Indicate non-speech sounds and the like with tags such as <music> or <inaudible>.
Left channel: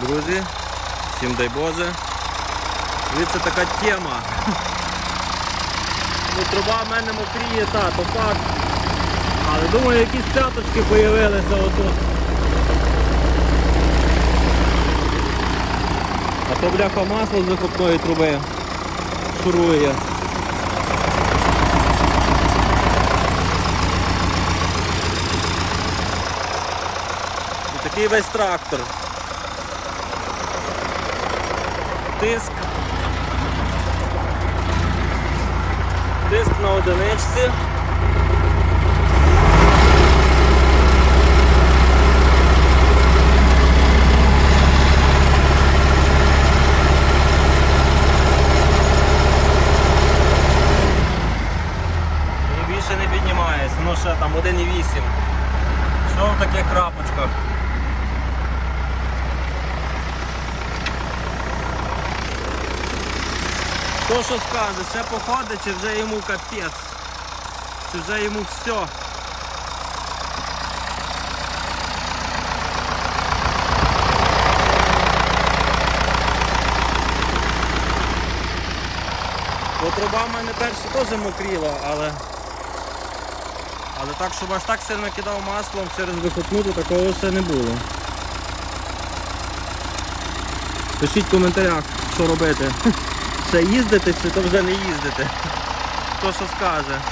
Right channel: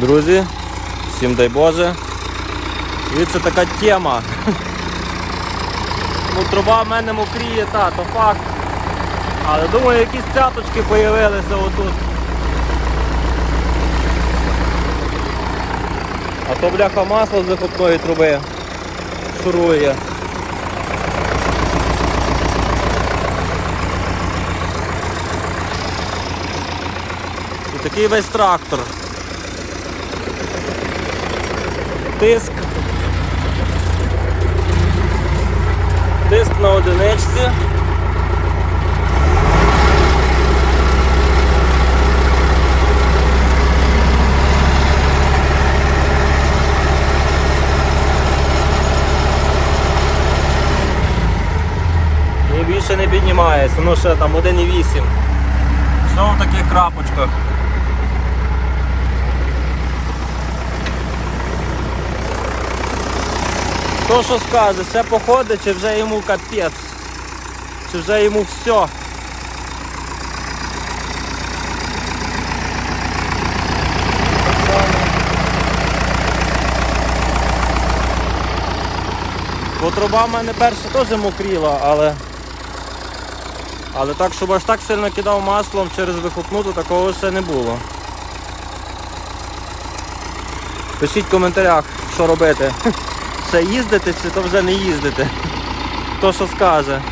Друзі, всім дай Боже. Дивіться, така тема. <laughs> Ну, труба в мене мокріє, та, то факт. Але думаю, якісь цяточки з'явилися отут. А то бляха масло з вихопної труби. Шурує. І такий весь трактор. Тиск. Тиск на одиничці. І більше не піднімається, ну ще там 1,8. Все в таких крапочках. Хто що скаже, ще походить, чи вже йому капець, чи вже йому все. Бо труба в мене перша теж мокріла, але. Але так, щоб аж так сильно кидав маслом через вихопну, то такого ще не було. Пишіть в коментарях, що робити. <laughs> Ще їздити чи то вже не їздити. Хто що скаже.